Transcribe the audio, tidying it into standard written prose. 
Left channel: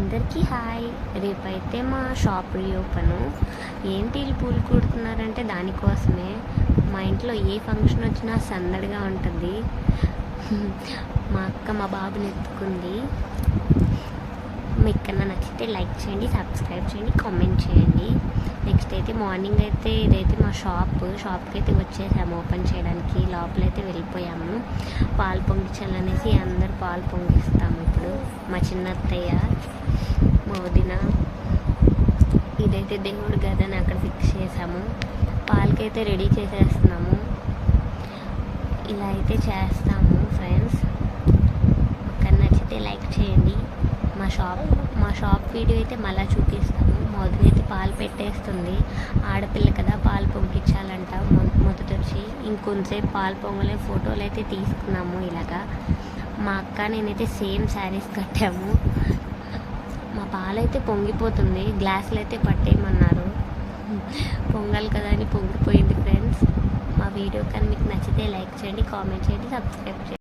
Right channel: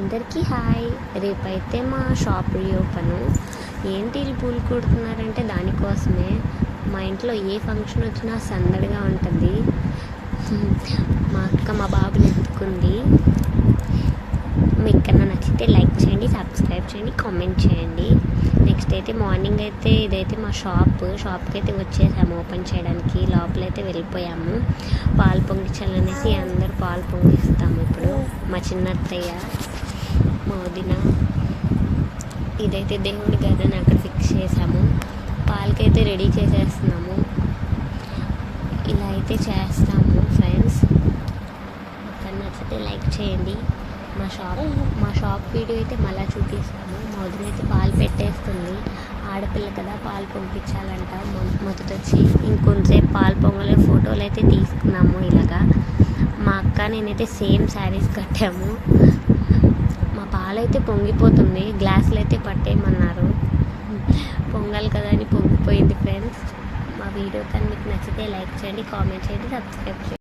అందరికీ హాయ్. రేపైతే మా షాప్ రీఓపెను. ఏంటి వీళ్ళు పూలు కుడుతున్నారంటే దానికోసమే. మా ఇంట్లో ఏ ఫంక్షన్ వచ్చినా సందడిగా ఉంటుంది. మా అక్క మా బాబుని ఎత్తుకుంది. మీకు కన్నా నచ్చితే లైక్ చేయండి, సబ్స్క్రైబ్ చేయండి, కామెంట్ చేయండి. నెక్స్ట్ అయితే మార్నింగ్ అయితే ఇదైతే మా షాప్కి అయితే వచ్చేసాము ఓపెన్ చేయడానికి. లోపలైతే వెళ్ళిపోయాము. పాలు పొంగించాలనేసి అందరూ పాలు పొంగిస్తాము. ఇప్పుడు మా చిన్న అత్తయ్య, మా వదిన, ఇదైతే దేవుడి గదని అక్కడ ఫిక్స్ చేసాము. పాలకైతే రెడీ చేసేస్తున్నాము. ఇలా అయితే చేస్తాము ఫ్రెండ్స్. మాకు నచ్చితే లైక్ చేయండి. మా షాప్ వీడియో అయితే మళ్ళీ చూపిస్తాను. మా వదిన అయితే పాలు పెట్టేస్తుంది. ఆడపిల్ల కదా, పాలు పొంగించాలంట. మొదట వచ్చి ఇంకొంచెంసేపు పాలు పొంగలే ఫోటోలు అయితే తీసుకున్నాము. ఇలాగా మా అక్క నేనైతే సేమ్ శారీస్ కట్టాము. మా పాలైతే పొంగిపోతుంది. గ్లాసులు అయితే పట్టేయమన్నారు. పొంగాలి కదా అని పొంగిపోయింది ఫ్రెండ్స్. మా వీడియో కానీ మీకు నచ్చితే లైక్ చేయండి, కామెంట్ చేయండి, సబ్స్క్రైబ్ చేయండి.